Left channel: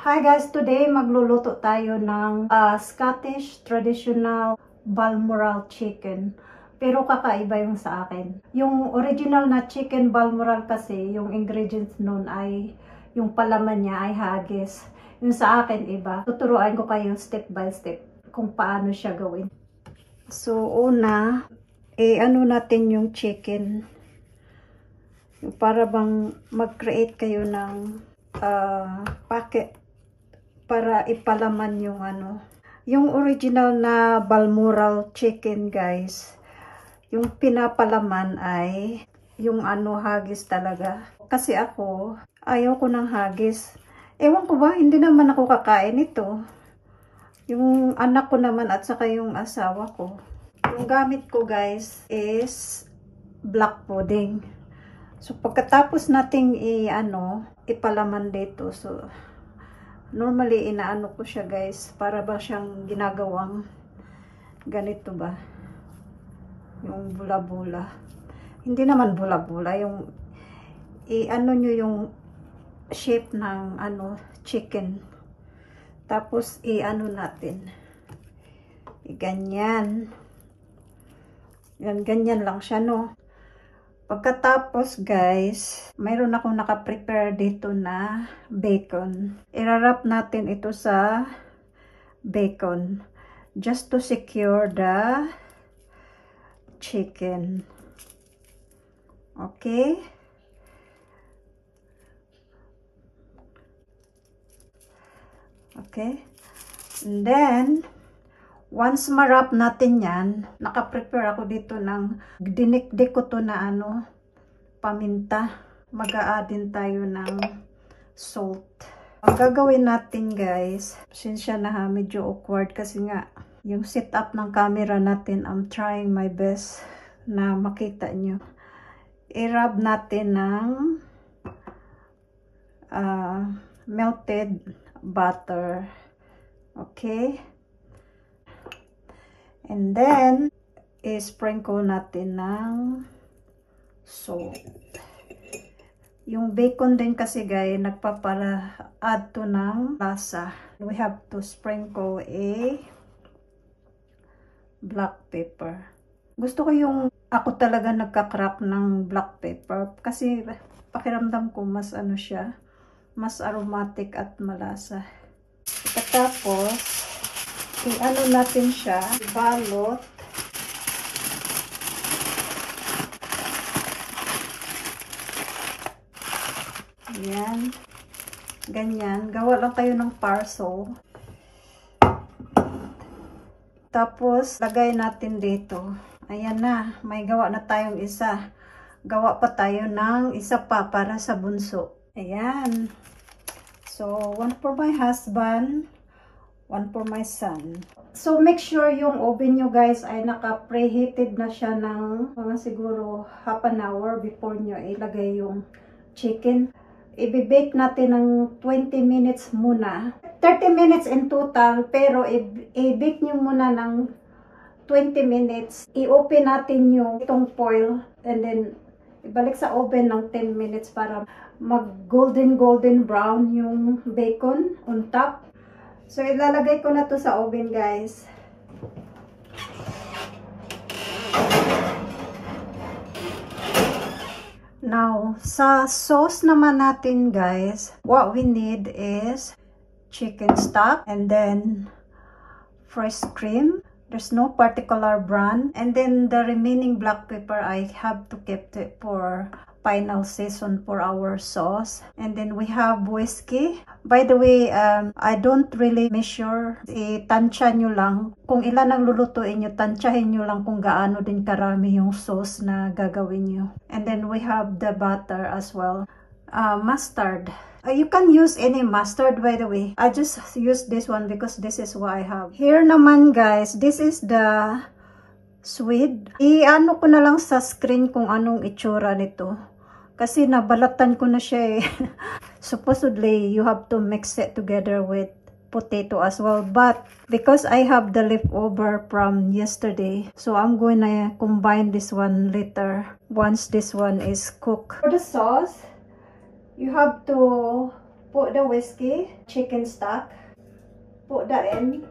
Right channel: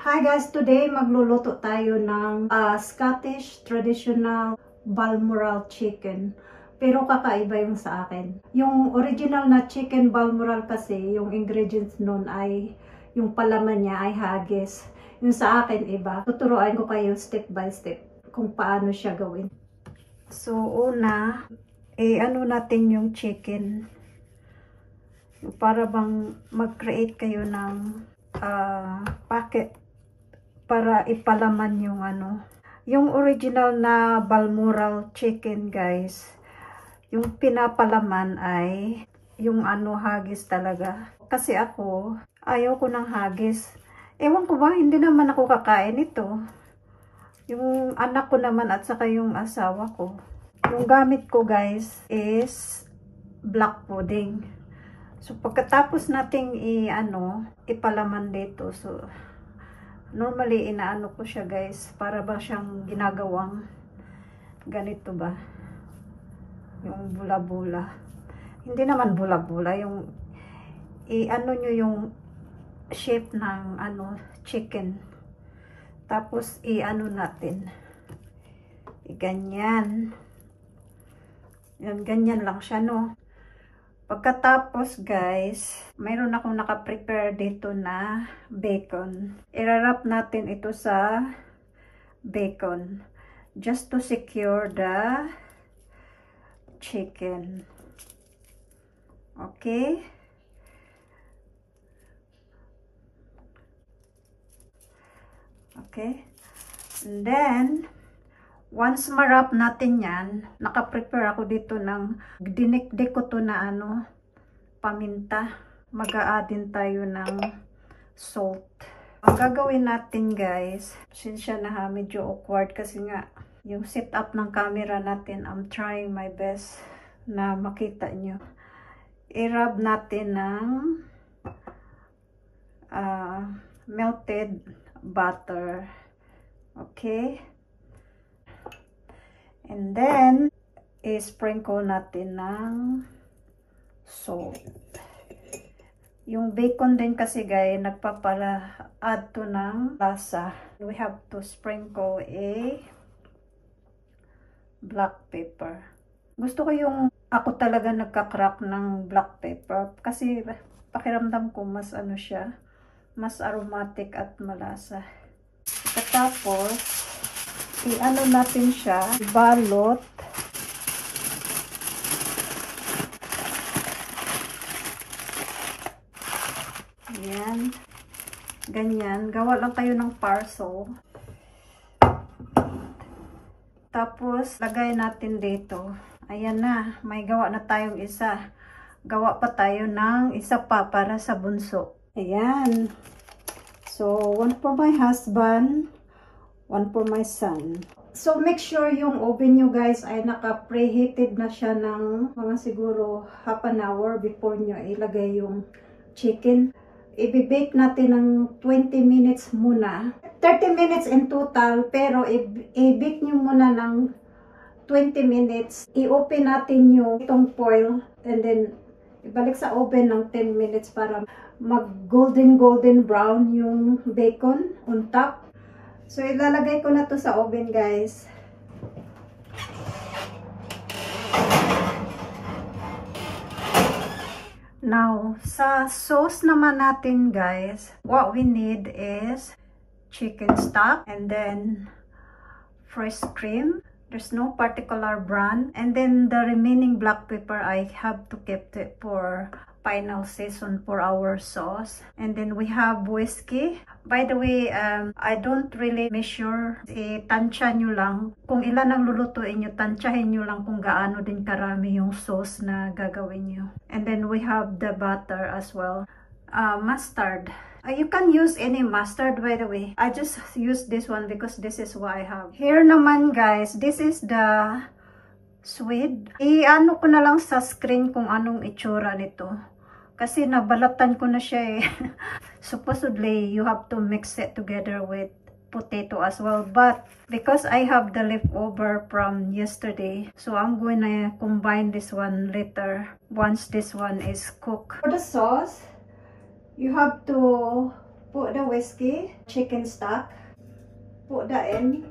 Hi guys, today magluluto tayo ng Scottish traditional Balmoral chicken. Pero kakaiba yung sa akin. Yung original na chicken Balmoral kasi, yung ingredients nun ay, yung palaman niya ay haggis. Yung sa akin iba. Tuturuan ko kayo step by step kung paano siya gawin. So una, ano natin yung chicken. Para bang mag-create kayo ng packet para ipalaman yung yung original na Balmoral chicken guys, yung pinapalaman ay yung haggis talaga. Kasi ako ayaw ko ng haggis, ewan ko ba, hindi naman ako kakain ito. Yung anak ko naman at saka yung asawa ko. Yung gamit ko guys is black pudding. So pagkatapos nating ipalaman dito, so normally inaano ko siya guys, para ba siyang ginagawang ganito ba, yung bula-bula. Hindi naman bula-bula, yung nyo yung shape ng chicken. Tapos natin ganyan. Yan, ganyan lang siya, no? Pagkatapos guys, mayroon akong naka-prepare dito na bacon. I-wrap natin ito sa bacon just to secure the chicken. Okay? Okay? And then once ma-wrap natin yan, naka-prepare ako dito ng dinikdik ko to na paminta. Mag-a-add tayo ng salt. Ang gagawin natin guys, sinsya na medyo awkward kasi nga yung setup ng camera natin, I'm trying my best na makita nyo. I-rub natin ng melted butter. Okay? And then, i-sprinkle natin ng salt. Yung bacon din kasi guys, nagpapala-add to ng lasa. We have to sprinkle a black pepper. Gusto ko yung ako talaga nagka-crack ng black pepper. Kasi pakiramdam ko mas siya, mas aromatic at malasa. Tapos, natin siya, balot. Ayan. Ganyan. Gawa lang kayo ng parcel. Tapos, lagay natin dito. Ayan na. May gawa na tayong isa. Gawa pa tayo ng isa pa para sa bunso. Ayan. So, one for my husband. One for my son. So, make sure yung oven nyo guys ay naka-preheated na siya ng mga siguro half an hour before nyo ilagay yung chicken. I-bake natin ng 20 minutes muna. 30 minutes in total, pero i-bake nyo muna ng 20 minutes. I-open natin yung itong foil and then ibalik sa oven ng 10 minutes para mag golden brown yung bacon on top. So, ilalagay ko na to sa oven, guys. Now, sa sauce naman natin, guys, what we need is chicken stock and then fresh cream. There's no particular brand. And then the remaining black pepper, I have to keep it for final season for our sauce. And then we have whiskey. By the way, I don't really measure. Tansya nyo lang. Kung ilan ang lulutuin nyo, tansyahin nyo lang kung gaano din karami yung sauce na gagawin nyo. And then we have the butter as well. Mustard. You can use any mustard, by the way. I just use this one because this is what I have. Here naman guys, this is the swede. Ko na lang sa screen kung anong itsura nito. Kasi nabalatan ko na siya eh. Supposedly, you have to mix it together with potato as well. But because I have the leftover from yesterday, so I'm going to combine this one later once this one is cooked. For the sauce, you have to Put the whiskey, chicken stock, put that in.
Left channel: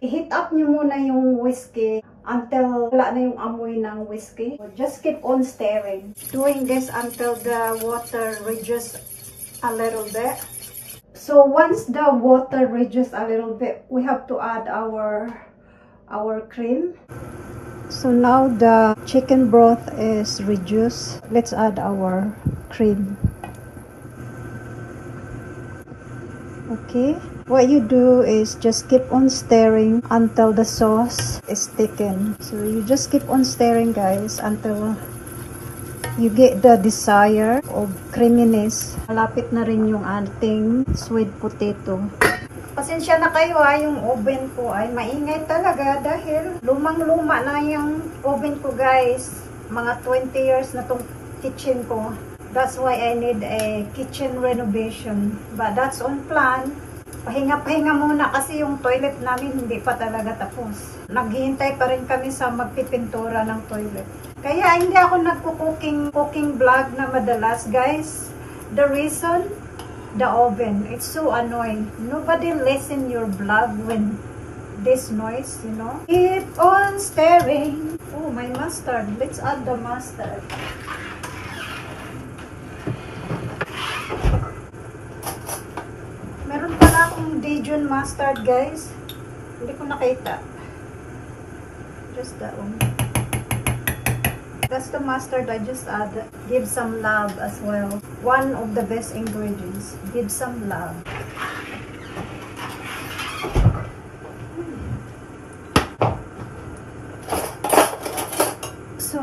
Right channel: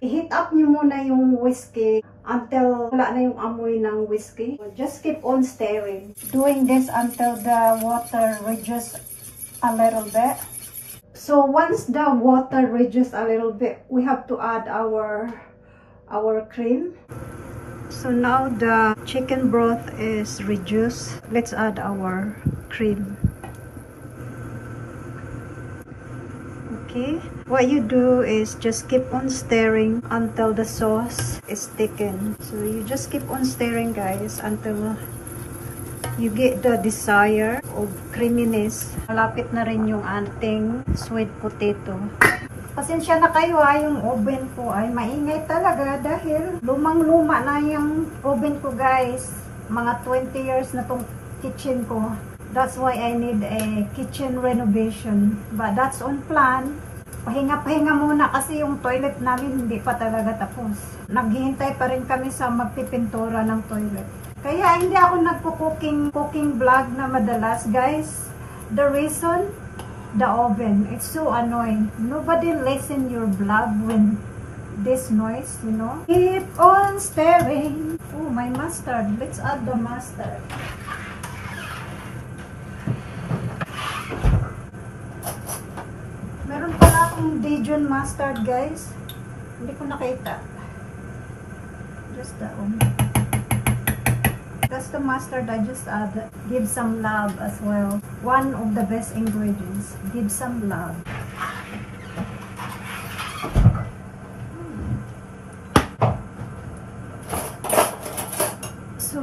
I-heat up nyo muna yung whiskey until wala na yung amoy ng whiskey. Just keep on stirring. Doing this until the water reduces a little bit. So once the water reduces a little bit, we have to add our cream. So now the chicken broth is reduced. Let's add our cream. Okay, what you do is just keep on stirring until the sauce is thickened. So you just keep on stirring, guys, until you get the desire of creaminess. Malapit na rin yung ating sweet potato. Pasensya na kayo ha, yung oven ko ay maingay talaga dahil lumang-luma na yung oven ko, guys. Mga 20 years na tong kitchen ko. That's why I need a kitchen renovation. But that's on plan. Pahinga-pahinga muna kasi yung toilet namin hindi pa talaga tapos. Naghihintay pa rin kami sa magpipintura ng toilet. Kaya hindi ako nagpo-cooking vlog na madalas, guys. The reason, the oven. It's so annoying. Nobody listen your vlog when this noise, you know. Keep on stirring. Oh, my mustard. Let's add the mustard. Meron pala akong Dijon mustard, guys. Hindi ko nakita. Just that one. That's the mustard I just added. Give some love as well. One of the best ingredients. Give some love. So,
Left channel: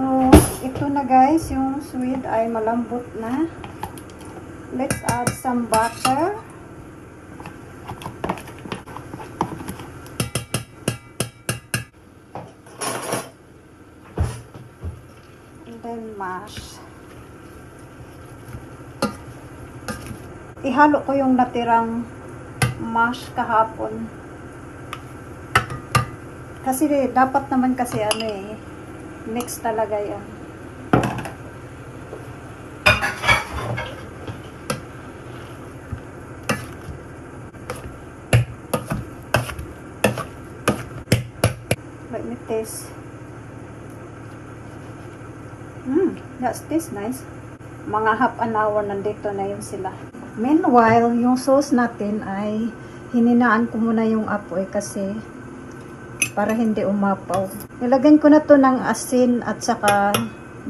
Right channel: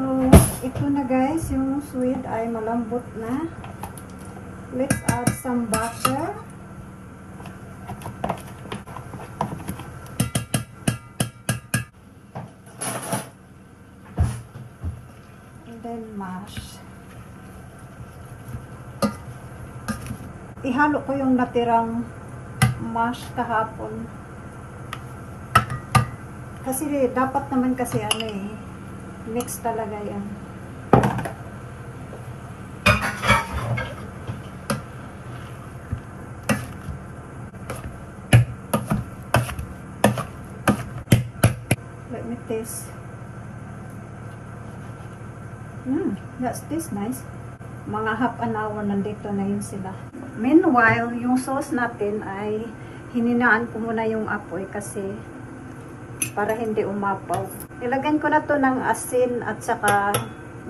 ito na, guys. Yung sweet ay malambot na. Let's add some butter. Then mash. Ihalo ko yung natirang mash kahapon. Kasi dapat naman kasi ano eh, mix talaga yan. Let me taste. That's this nice. Mga half an hour nandito na yun sila. Meanwhile, yung sauce natin ay hininaan ko muna yung apoy kasi para hindi umapaw. Nilagyan ko na to ng asin at saka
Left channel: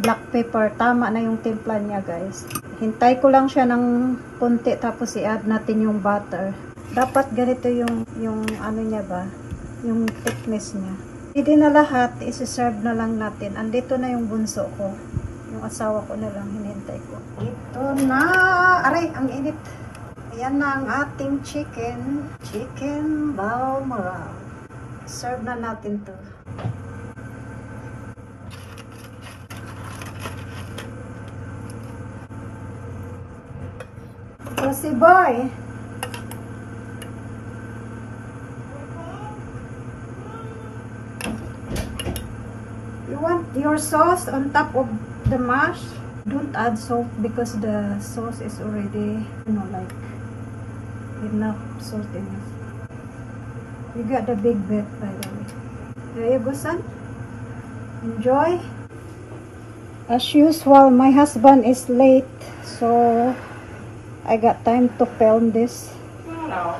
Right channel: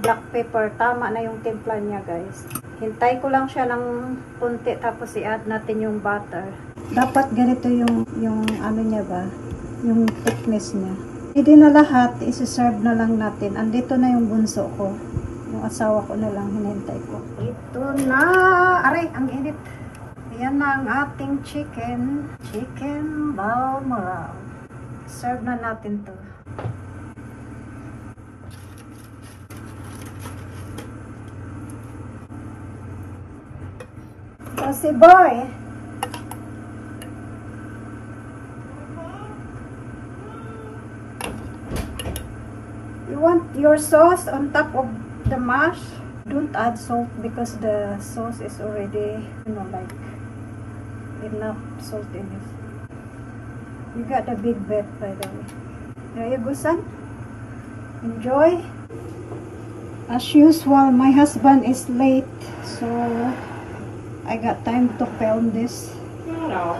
black pepper. Tama na yung timpla niya, guys. Hintay ko lang siya ng konti tapos i-add natin yung butter. Dapat ganito yung ano niya ba? Yung thickness niya. Hindi na lahat, isi-serve na lang natin. Andito na yung bunso ko. Yung asawa ko na lang, hinintay ko. Ito na! Aray, ang init. Ayan na ang ating chicken. Chicken balmoral. Serve na natin to. Bossy boy! Want your sauce on top of the mash. Don't add salt because the sauce is already, you know, like enough salt in it. You got the big bit, by the way. There you go, son. Enjoy. As usual, my husband is late, so I got time to film this. Hello.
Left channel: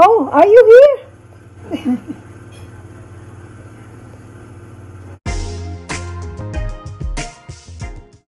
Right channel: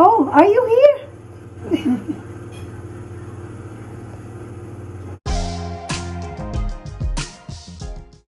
Oh, are you here?